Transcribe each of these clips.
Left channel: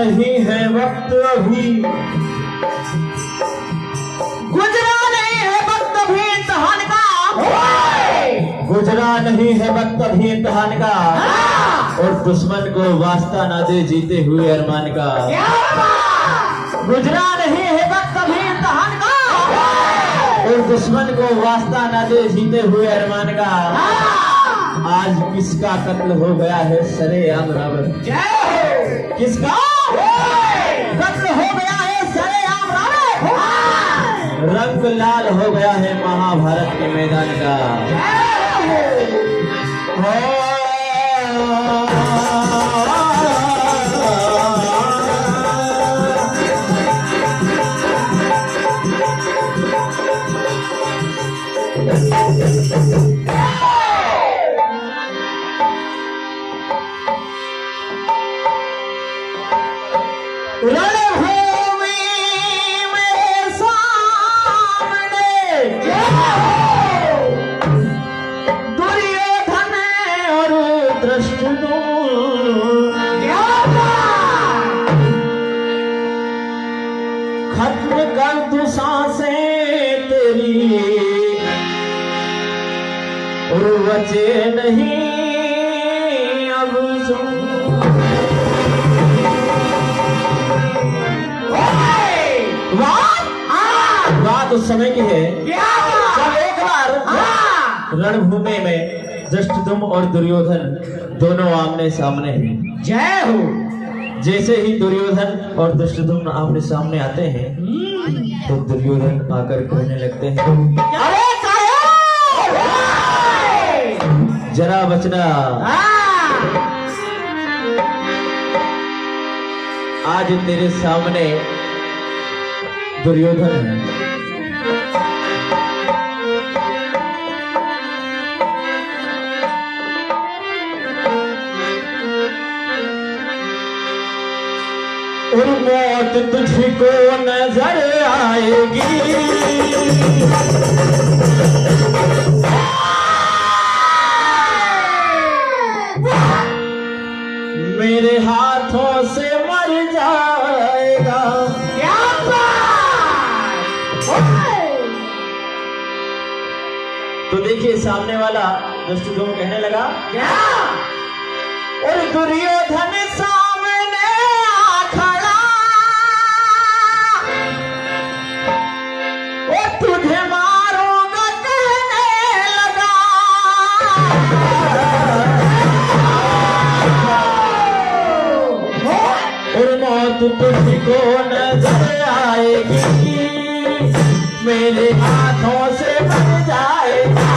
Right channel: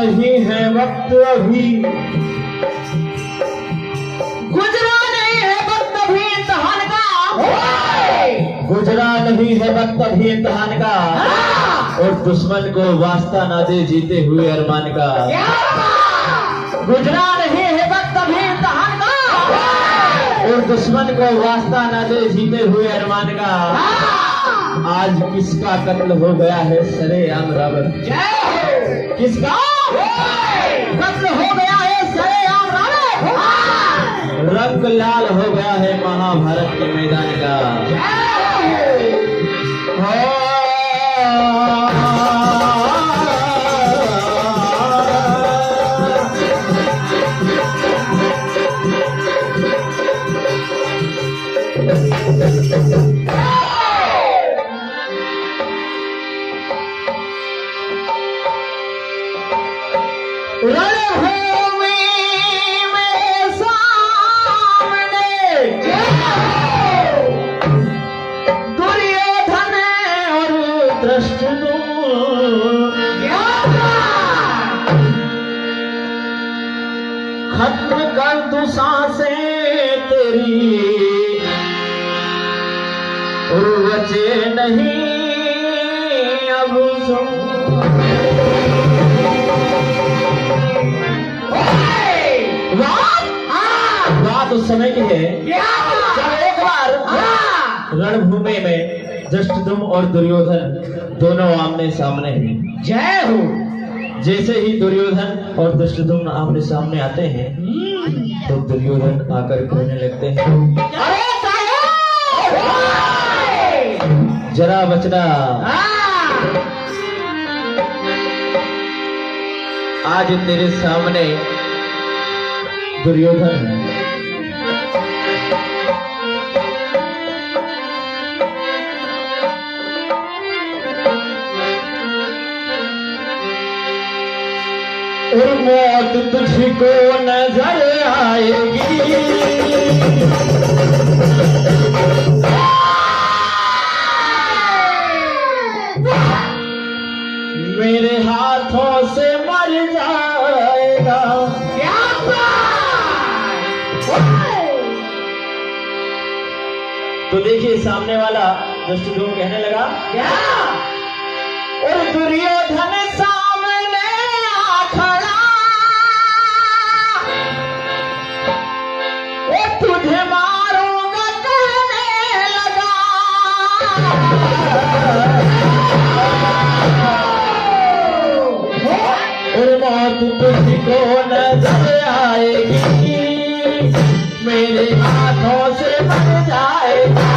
नहीं है वक्त अभी, गुजरा नहीं है वक्त अभी इम्तिहान का, गुजरा नहीं है वक्त अभी इम्तिहान का, और दुश्मन को वास्ता ना दे जीते हुए अरमान का। गुजरा नहीं है वक्त अभी इम्तिहान का, और दुश्मन को वास्ता ना दे जीते हुए अरमान का। आज किसका कत्ल हो गया है सरेआम रावण, किसका कत्ल हो गया है सरेआम रावण, रंग लाल हो गया है महाभारत के मैदान का। रणभूमि में सामने दुर्योधन और धृष्टद्युम्न, खत्म कर दूं सांसें तेरी, और बचे नहीं अब सुन। बात उस समय की है जब एक बार रणभूमि में धृष्टद्युम्न और दुर्योधन दोनों आमने सामने हैं। जय हो। जैसे ही दुर्योधन और धृष्टद्युम्न आमने सामने आते हैं तो दुर्योधन आकर कहने लगते हैं, जरा बचना, आज तेरे सामने दुर्योधन है। और मौत तुझको नजर आएगी, मेरे हाथों से मर जाएगा। तो देखिए सामने वाला धृष्टद्युम्न कहने लगा, और दुर्योधन सामने आ खड़ा, और तुझे मारूंगा कहने लगा। और मौत तुझको नजर आएगी, मेरे हाथों से बन जाएगा।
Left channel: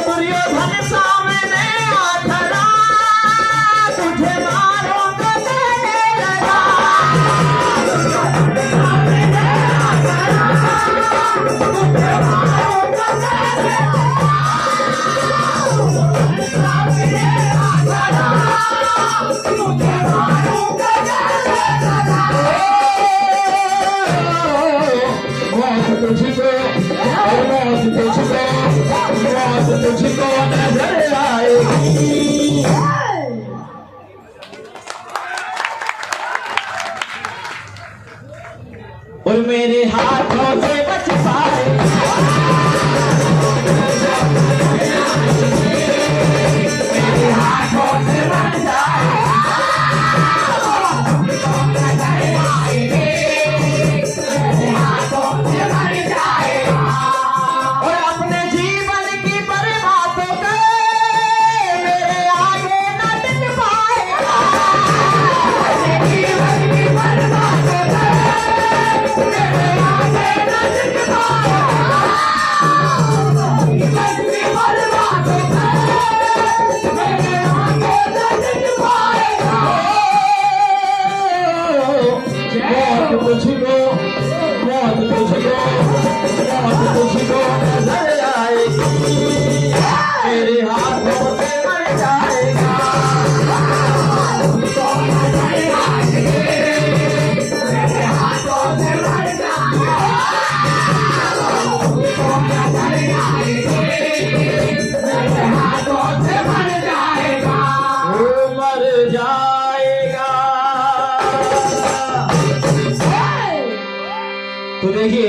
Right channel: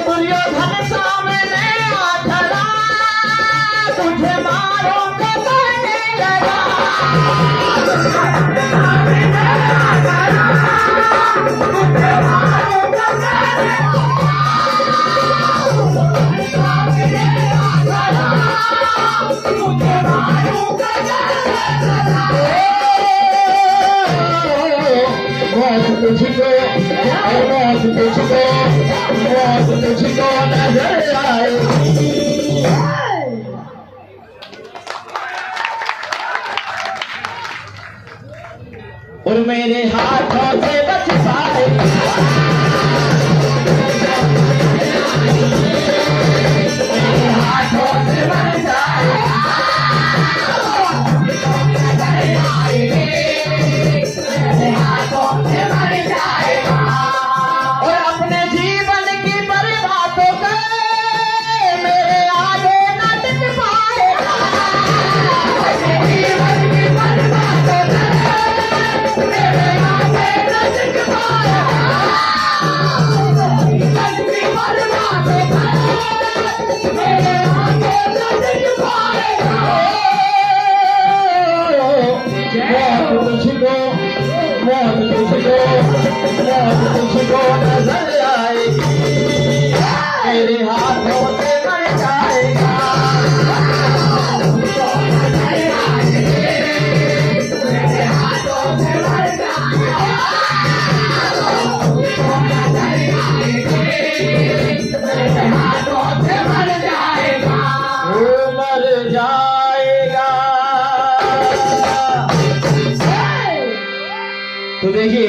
दुर्योधन सामने आ खड़ा, तुझे मारूंगा कहने लगा। और मेरे हाथों से बच और अपने जीवन की बर्बादों को मेरे आगे न टिक पाएगा। अपने जीवन की बर्बादों को मेरे आगे न देखिए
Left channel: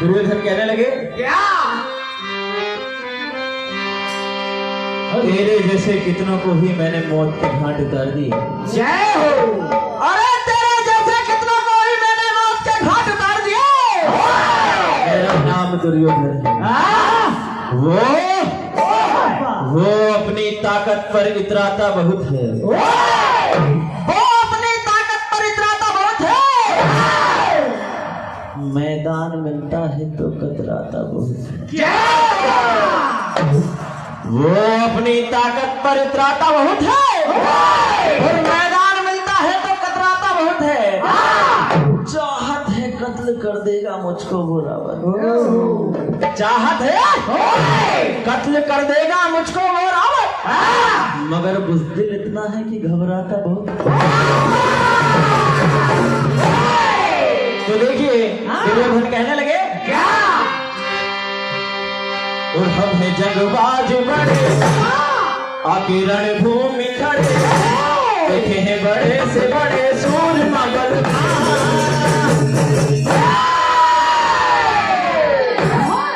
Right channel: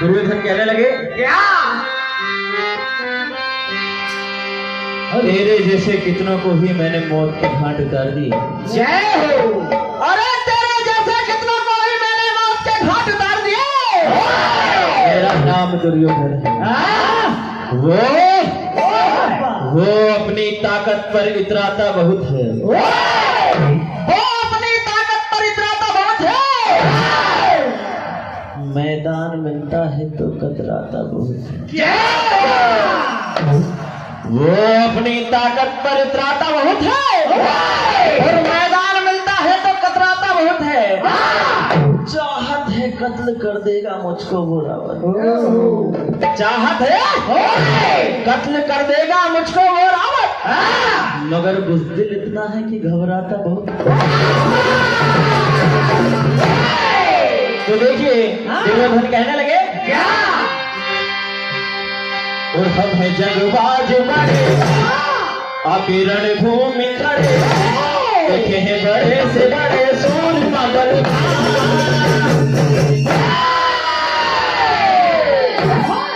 दुर्योधन कहने लगे, क्या? तेरे जैसे कितनों को भी मैंने मौत के घाट उतार दी। जय हो। अरे तेरे जैसे कितनों को भी मैंने मौत के घाट उतार दिए। मेरा नाम दुर्योधन है। हाँ? वो अपनी ताकत पर इतराता बहुत है। वो अपनी ताकत पर इतराता बहुत है। मैदान मिलता है तो कतराता बहुत है। क्या? वो अपनी ताकत पर इतराता बहुत है और मैदान मिलता है तो कतराता बहुत है। चाहत है कत्ल कर देगा मुझको वो रावण। चाहत है कत्ल कर देगा मुझको वो रावण, मगर बुज़दिल इतना है कि घबराता बहुत। तो देखिए दुर्योधन कहने लगे, क्या? और हम है जगबाज बड़े आके रणभूमि खड़े, देखे हैं बड़े से बड़े सूरमा बलवान।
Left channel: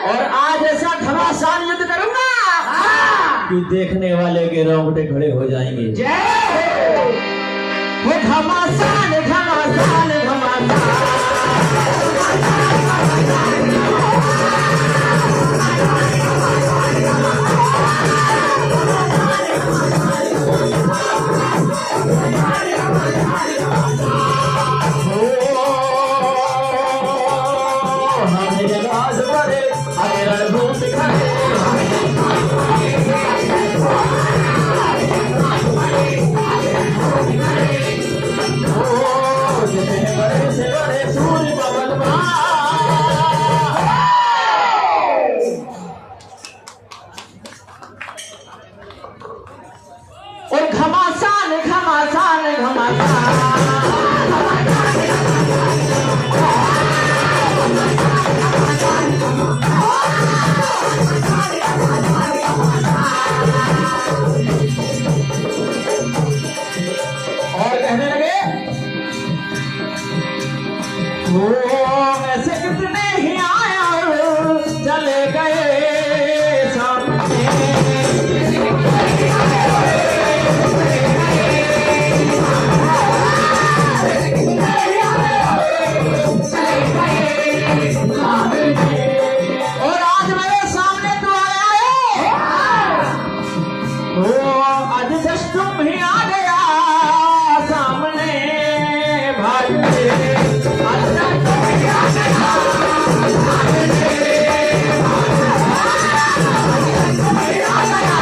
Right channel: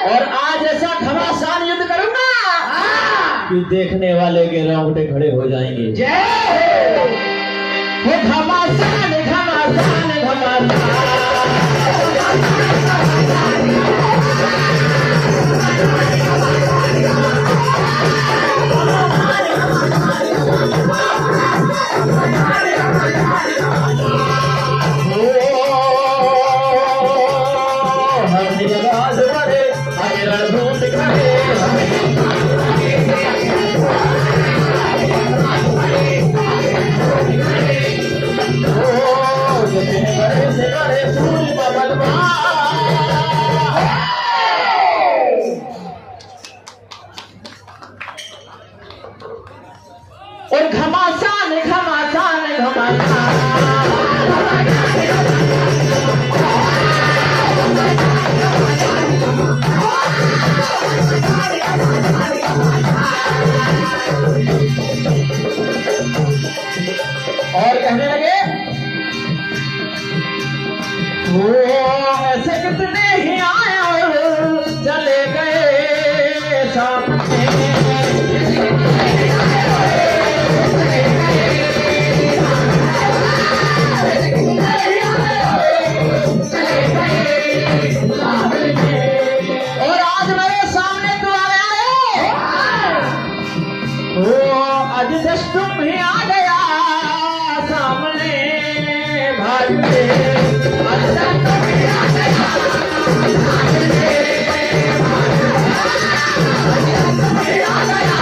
और आज ऐसा घमासान युद्ध करूंगा कि देखने वाले के रोंगटे खड़े हो जाएंगे। जय हो। वो घमासान घमासान घमासान। और घमासान घमासान घमासान। और कहने लगे, वो ऐसे कितने ही आए और चले गए सामने। और आज मेरे सामने तू आया है, वो आज जस्ट तुम ही आ गया सामने भागते। आज जस्ट तुम ही आ गया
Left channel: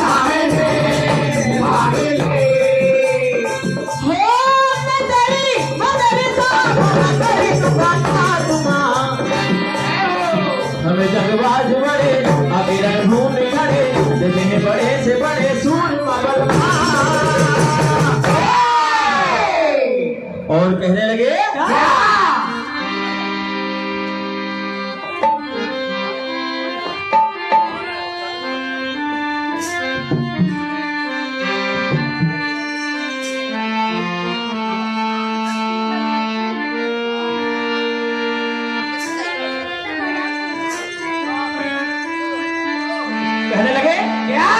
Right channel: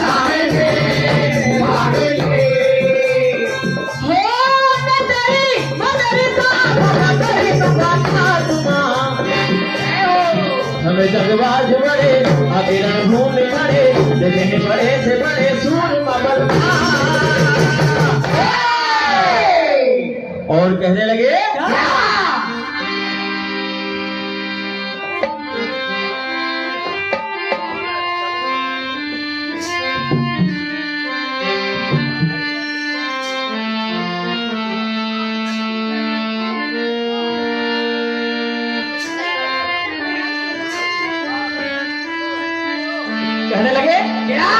सामने भागते। हमें जगबाज बड़े आगे रणभूमि खड़े, देखे बड़े से बड़े सूरमा बलवान। और कहने लगे, कहने लगे, क्या?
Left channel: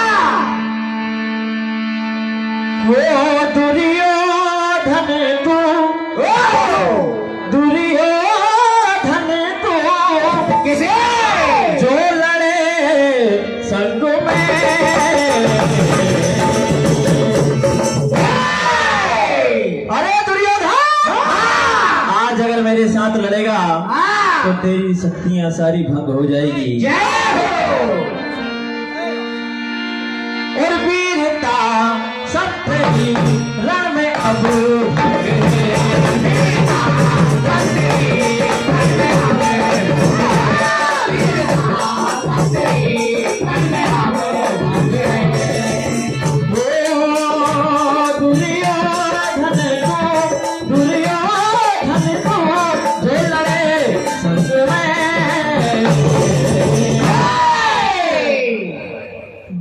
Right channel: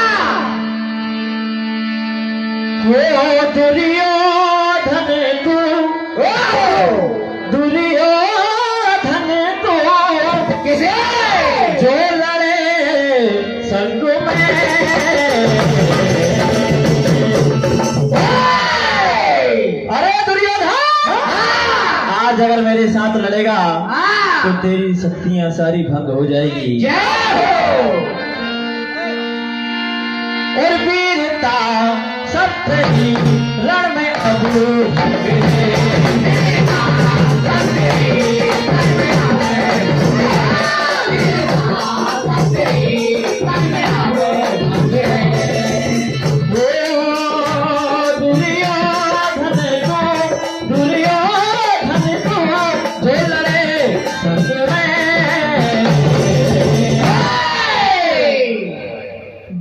हो दुर्योधन तू, दुर्योधन तू किसे? जो लड़े संग में। अरे दुर्योधन, आज अगर मेरे साथ लड़ेगा तो तेरी शक्तियां सारी भंग हो जाएगी। जय हो। और वीरता सत्य ही रण में अब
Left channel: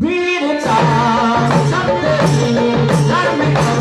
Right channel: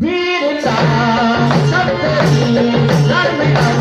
वीरता सत्य ही रण में अब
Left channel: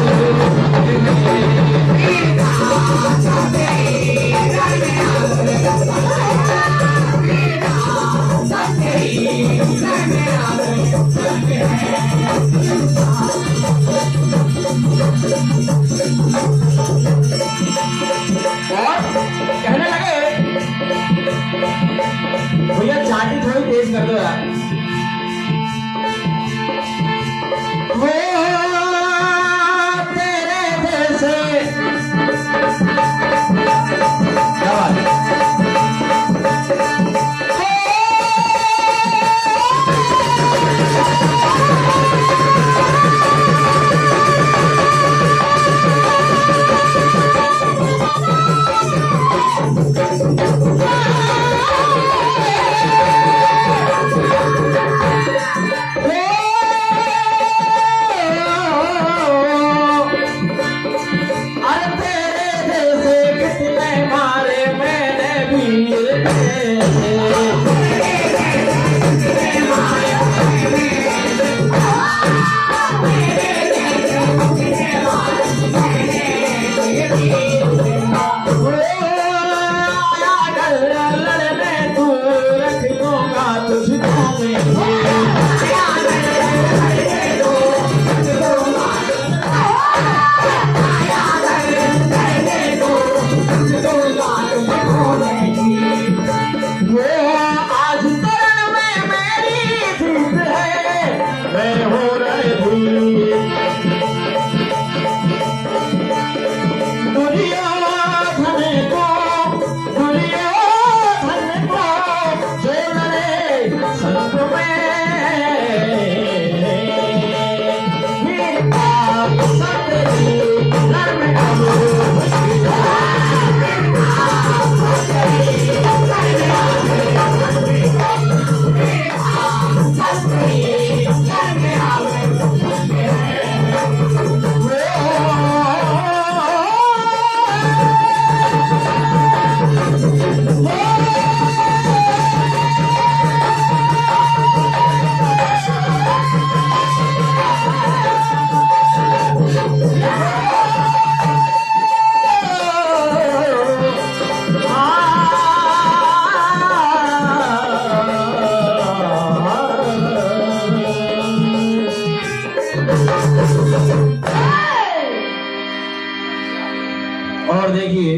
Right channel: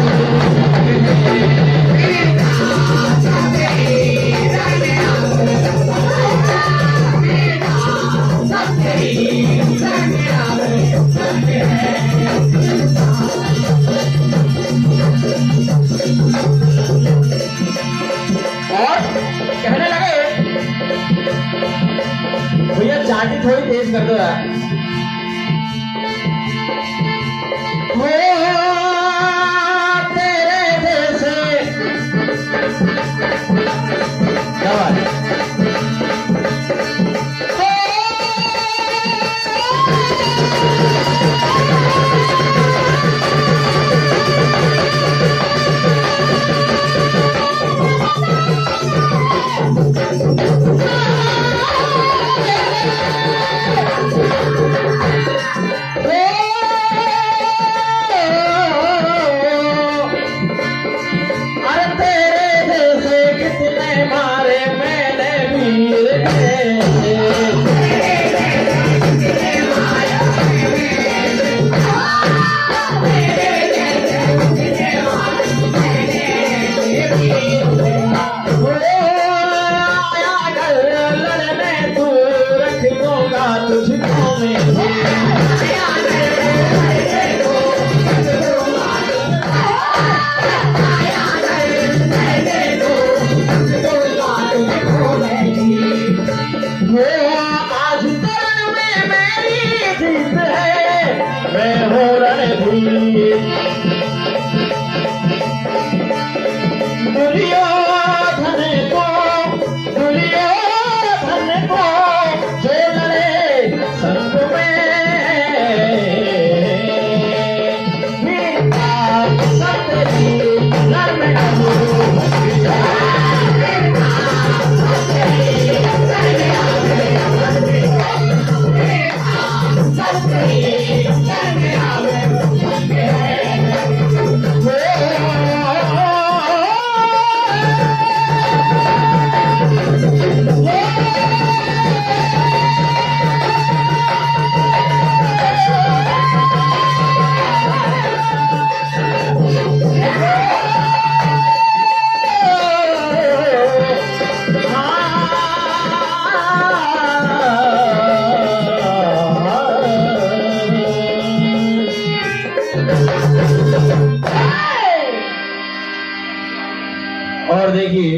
और देखिए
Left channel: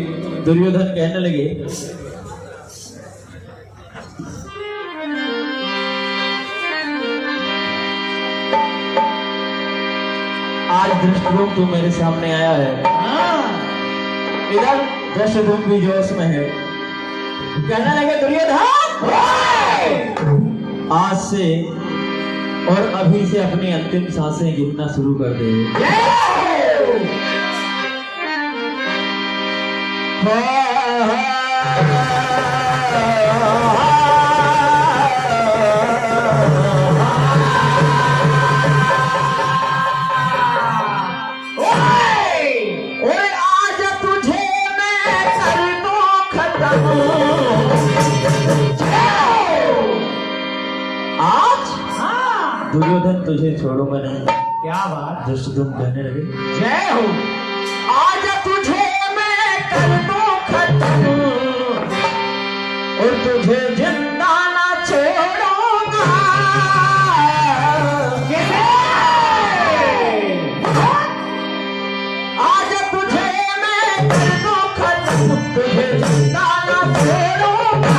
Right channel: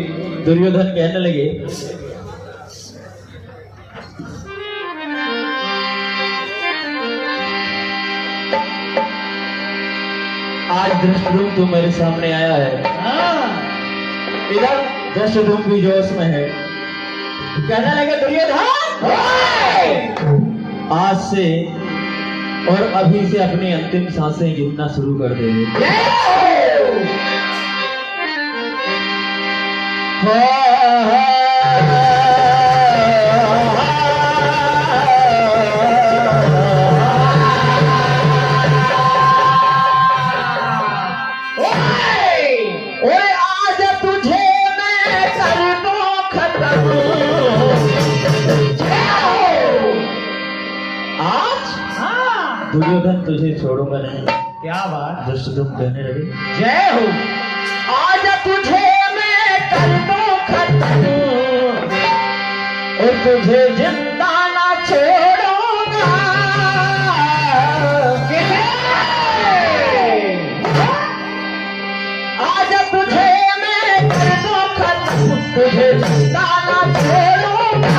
दुर्योधन कहने लगे, आज धृष्टद्युम्न तू मेरे सामने आया है। इधर धृष्टद्युम्न भी जोश में है, कहने लगे दुर्योधन आज से और अभी से अपनी अंतिम सांसें गिनना शुरू कर दे। आज तुझे मैं कर दूं खत्म। आज दुर्योधन तुझे छोड़ूंगा नहीं। क्या बात, धृष्टद्युम्न कहने लगे जय हो। आज तुझे मैं कर दूं खत्म और तुझे जिंदा ना छोड़ूंगा। आज तुझे मैं कर दूं खत्म, तुझे जिंदा ना छोड़ूंगा।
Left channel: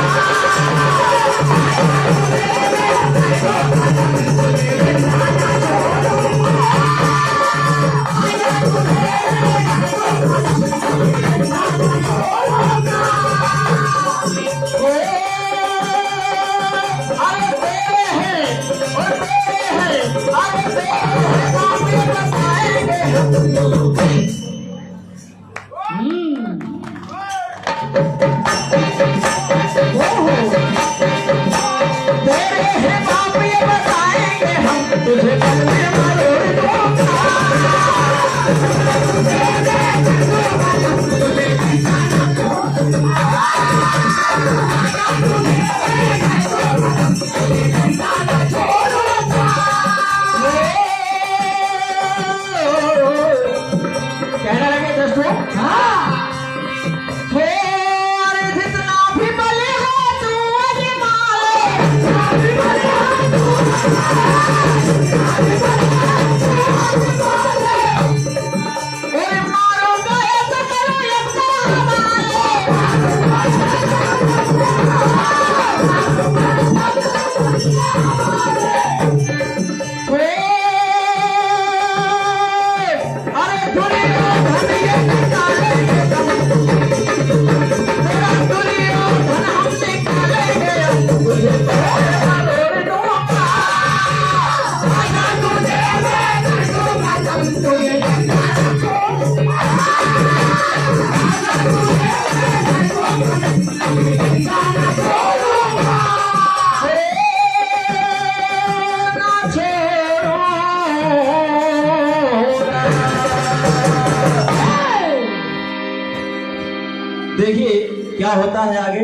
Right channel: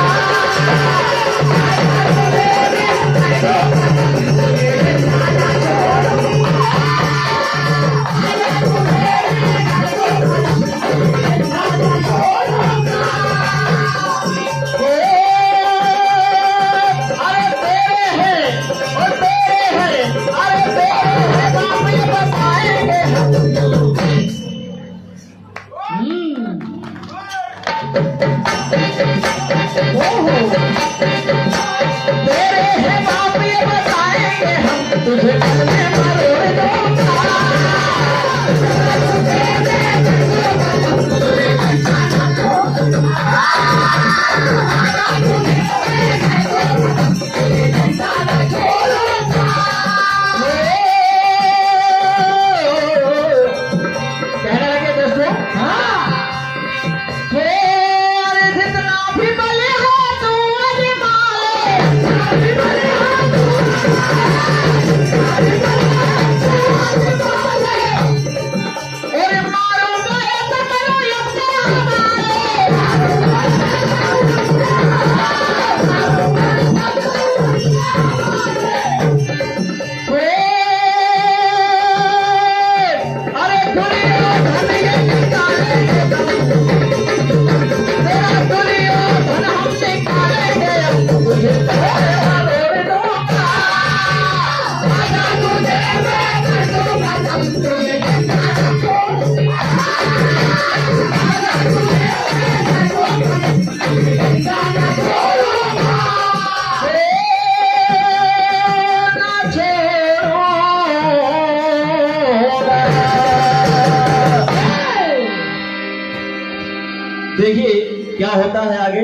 देखिए क्या होता है आगे।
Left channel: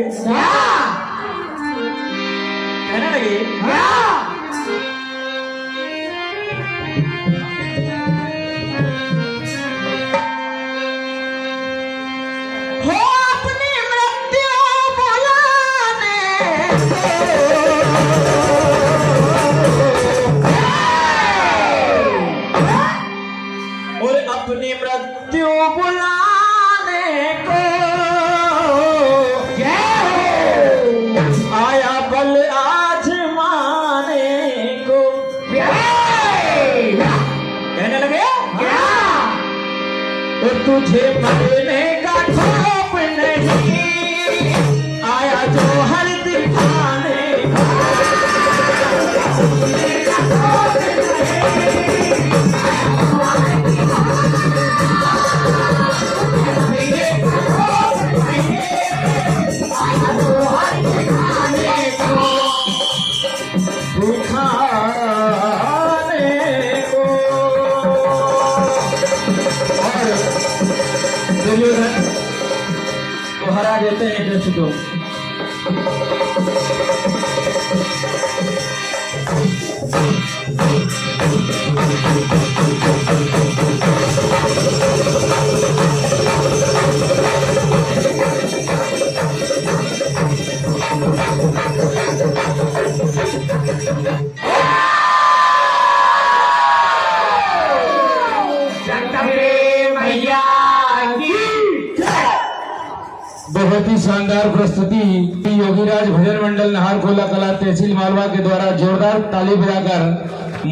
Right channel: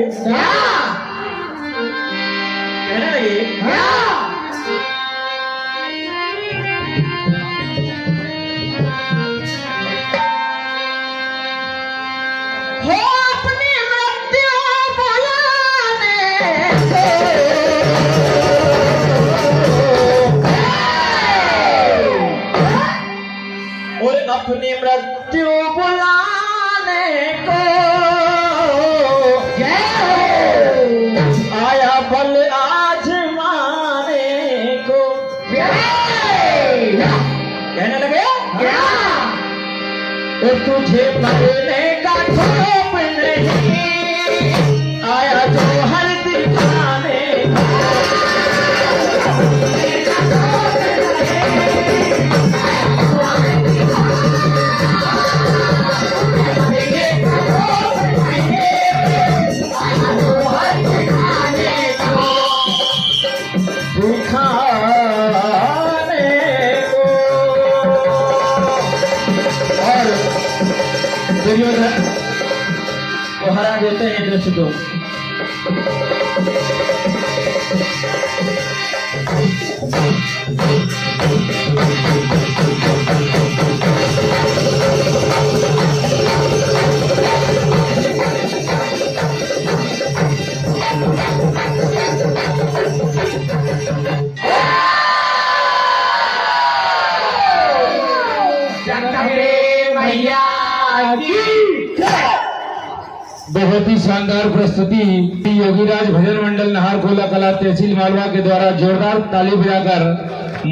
कहने लगे हो अपनी मृत्यु बुलाने और अपनी मृत्यु बुलाने को आया बल आजमाने को। कहने लगे और तुझे मरने का खौफ नहीं, आया जो हर दिखाने दुर्योधन को हरा देते हैं धृष्टद्युम्न। बहुत ही शानदार प्रस्तुति योगीराज भजन मंडल नाहरखोला कला तहसील मालवा के द्वारा जोरदार ताली बजाकर